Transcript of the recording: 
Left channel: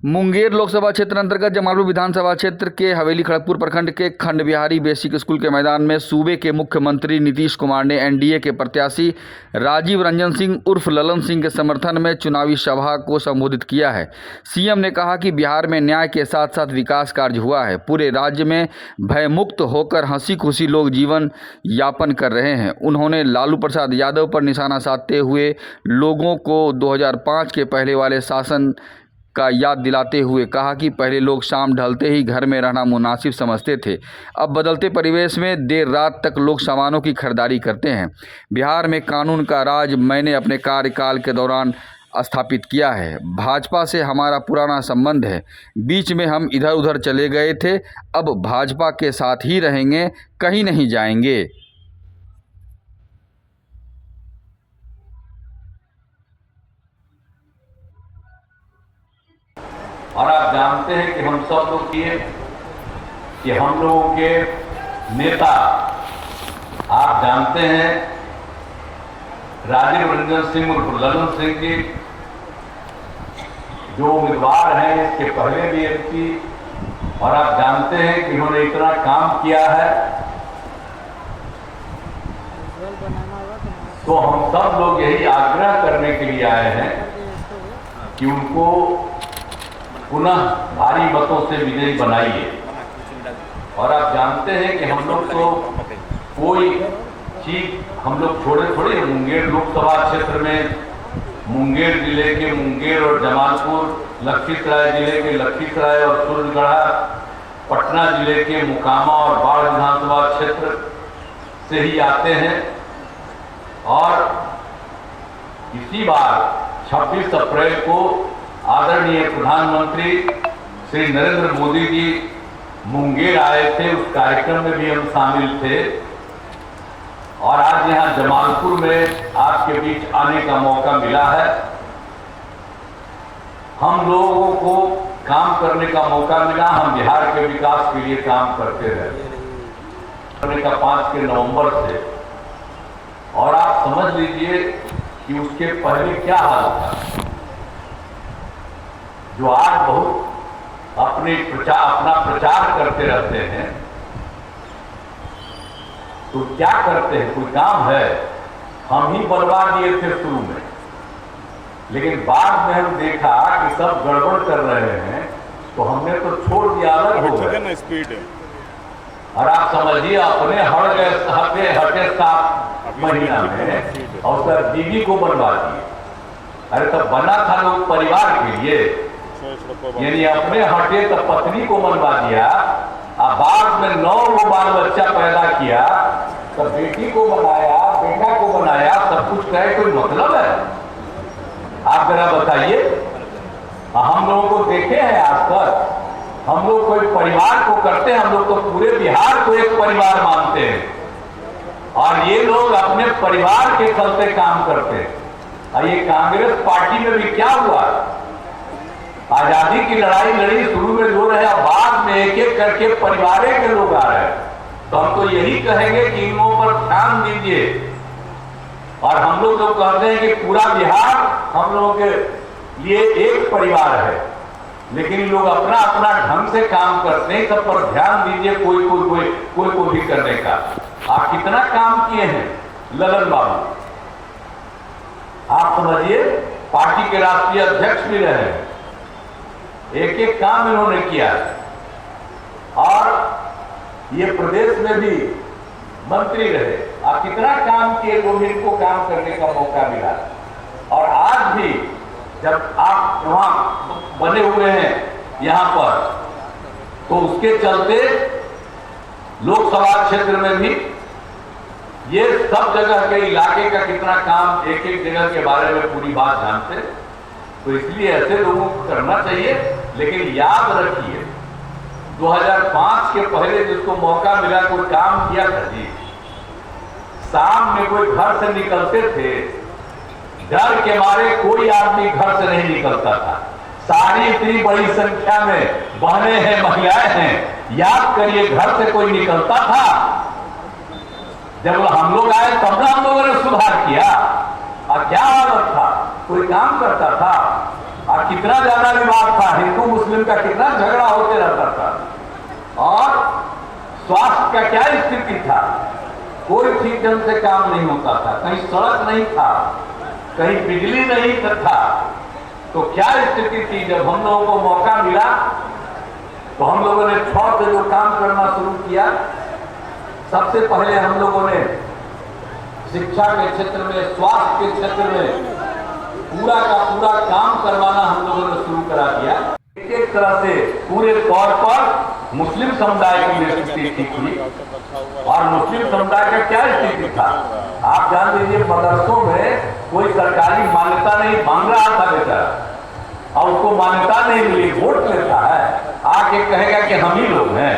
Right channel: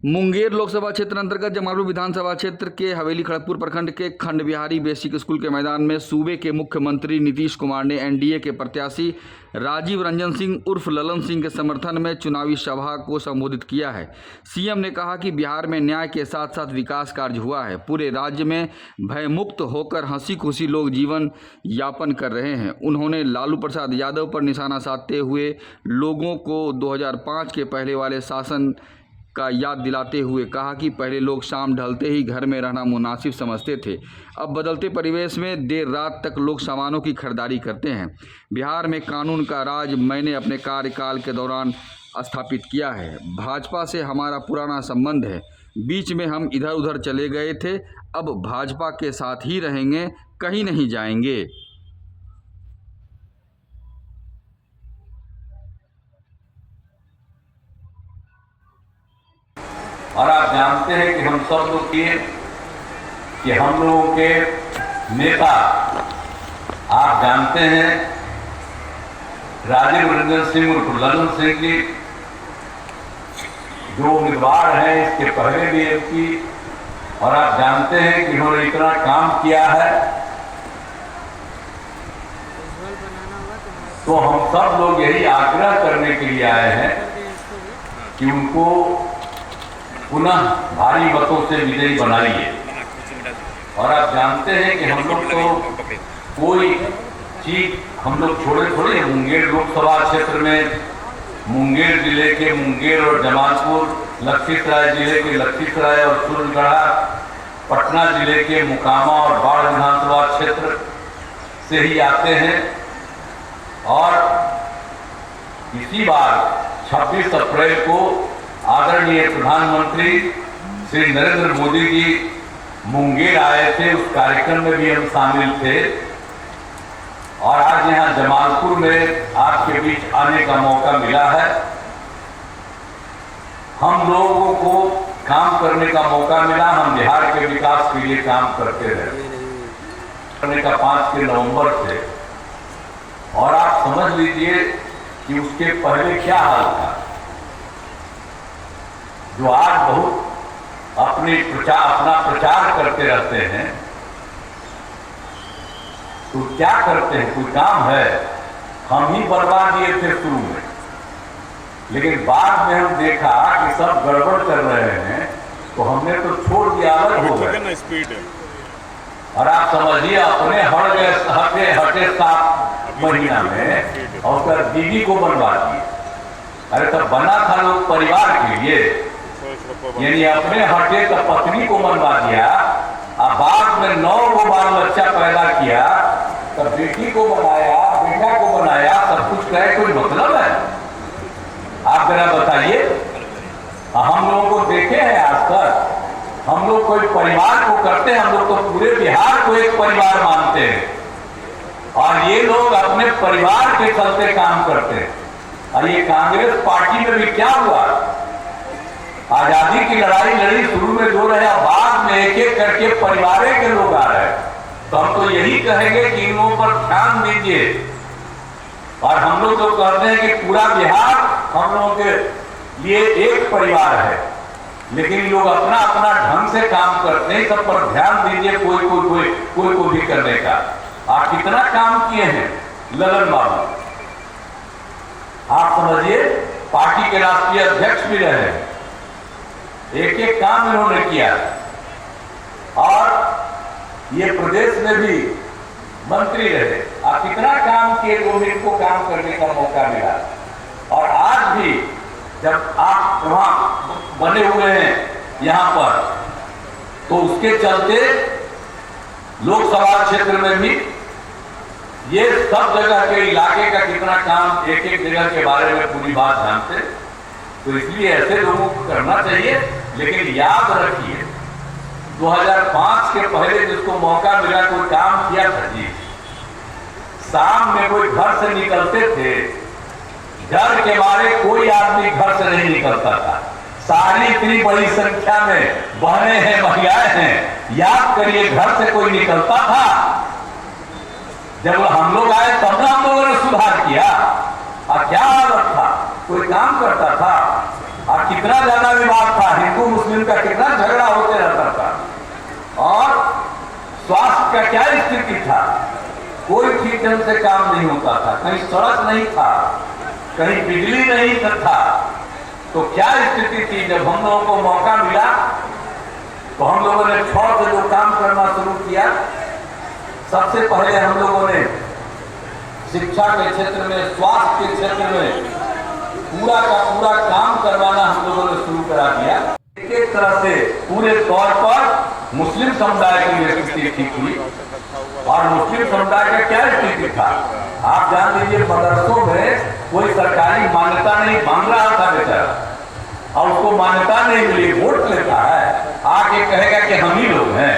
मुंगेर लोकसभा क्षेत्र अंतर्गत जमालपुर विधानसभा क्षेत्र के हवेली खड़गपुर प्रखंड के खंड बिहारी बेसिक स्कूल के मैदान में सूबे के मुख्यमंत्री नीतीश कुमार ने एनडीए के प्रत्याशी राजीव रंजन सिंह उर्फ ललन सिंह के समर्थन में चुनावी सभा को संबोधित किया है। सीएम ने कहा कि बिहार में न्याय के साथ साथ विकास कार्य हुआ है। पूरे राज्य में भयमुक्त होकर हंसी खुशी लोग जीवन यापन कर रहे हैं। उन्होंने लालू प्रसाद यादव पर निशाना साधते हुए लोगों को 2005 के पहले वाले शासन का याद दिलाते हुए कहा कि पहले लोग शाम ढलते ही घर में रहना मुनासिब समझते थे। अब बदलते परिवेश में देर रात तक लोग सामानों की खरीदारी करते हैं। बिहार में कानून का राज मैंने अपने कार्यकाल के दौरान स्थापित किया है। भाजपा से हमारा पुराना संबंध है। बीच में हम इधर उधर चले गए थे, अब भाजपा के साथ ही रहेंगे, कहीं नहीं जाएंगे। और आप जानते हैं कि हम सब लोग कि हम लोगों के नेता, आप जानते हैं राजीव रंजन सिंह उर्फ ललन सिंह जी जो उम्मीदवार हैं इसके पहले भी एमपी, और आप जानते हैं कि इन्होंने इतना काम किया है, तो हम सब लोग यही आग्रह करने के लिए आए हैं कि उनको पुनः भारी मतों से विजयी बनाइए। और आप जानते हैं कि हम लोग तो कोई चीज हम लोग छोड़े थोड़े। मुंगेर लोकसभा क्षेत्र में मुंगेर जिले के मुंगेर और जमालपुर, लखीसराय जिले के लखीसराय और सूरजगढ़ा, पटना जिले के मुकामा और बाढ़ विधानसभा क्षेत्र से ही आते हैं। और इसी बार 26 अप्रैल को आदरणीय प्रधानमंत्री श्री नरेंद्र मोदी जी मुंगेर आए थे, उस कार्यक्रम में भी हम शामिल थे। और आज यहाँ जमालपुर में आपके बीच आने का मौका मिला है। हम लोगों को काम करने का मौका मिला, हम बिहार के विकास के लिए काम करते रहे करने का 5 के नवंबर से। और आप समझ लीजिए कि उसके पहले क्या हाल था, जो आज बहुत अपना प्रचार करते रहते हैं, तो क्या करते हैं, कोई काम है, हम ही बनवा दिए थे शुरू में, लेकिन बाद में हम देखा कि सब गड़बड़ कर रहे हैं, तो हमने तो छोड़ दिया, अलग हो गए। और आप समझिए अपने हटे 7 महीना में और उसका बीवी को बनवा दिए। अरे तब बना था लोग परिवार के लिए, यानी अपने हटे तो पत्नी को बनवा दिया, और बाद में 9 बाल बच्चा पैदा किया, तब बेटी को बनाया, बेटा को बनाया, सब कुछ कहे कोई मतलब है? आप जरा बताइए। हम लोगों को देखे हैं आज तक, हम लोग कोई परिवार को करते हैं, हम लोग तो पूरे बिहार को एक परिवार मानते हैं। और ये लोग अपने परिवार के चलते काम करते हैं। और ये कांग्रेस पार्टी में भी क्या हुआ, आजादी की लड़ाई लड़ी, शुरू में जो रहे, बाद में एक एक करके परिवार के लोग आ रहे हैं। तो हम तो यही कहेंगे कि इन लोगों पर ध्यान दीजिए। और हम लोग जो कहते हैं कि पूरा बिहार हम लोगों के लिए एक परिवार है, लेकिन लोग अपना अपना ढंग से काम करते हैं। सब पर ध्यान दीजिए, कोई को भी करने का। आप कितना काम किए हैं ललन बाबू, आप समझिए, पार्टी के राष्ट्रीय अध्यक्ष भी रहे हैं, एक एक काम इन्होंने किया। और ये प्रदेश में भी मंत्री रहे, आप कितना काम किए, जो इनको काम करने का मौका मिला। और आज भी जब आप वहां बने हुए हैं यहाँ पर, तो उसके चलते लोकसभा क्षेत्र में भी ये सब जगह के इलाके का कितना काम, एक एक जगह के बारे में पूरी बात जानते। तो इसलिए ऐसे लोगों को करना चाहिए। लेकिन याद रखिए, 2005 के पहले जिसको मौका मिला कोई काम किया था जी, शाम में कोई घर से निकलते थे, डर के मारे कोई आदमी घर से नहीं निकलता था। सारी इतनी बड़ी संख्या में बहनें हैं, महिलाएं हैं, याद करिए घर से कोई निकलता था। जब हम लोग आए तब ना हम लोगों ने सुधार किया। और क्या हालत था, कोई काम करता था? और कितना ज्यादा विवाद था, हिंदू मुस्लिम का कितना झगड़ा होते रहता था। और स्वास्थ्य का क्या स्थिति था, कोई ठीक ढंग से काम नहीं होता था, कहीं सड़क नहीं था, कहीं बिजली नहीं था। तो क्या स्थिति थी। जब हम लोगों को मौका मिला तो हम लोगों ने 6 से जो काम करना शुरू किया, सबसे पहले हम लोगों ने शिक्षा के क्षेत्र में, स्वास्थ्य के क्षेत्र में पूरा का पूरा काम करवाना हम लोगों ने शुरू करा दिया। एक तरह से पूरे तौर पर मुस्लिम समुदाय की स्थिति ठीक हुई। और मुस्लिम समुदाय का क्या स्थिति था, आप जान लीजिए, मदरसों में कोई सरकारी मान्यता नहीं, मांग रहा था बेचारा, और उसको मान्यता नहीं मिली, वोट लेता है, आके कहेगा कि हम ही लोग हैं।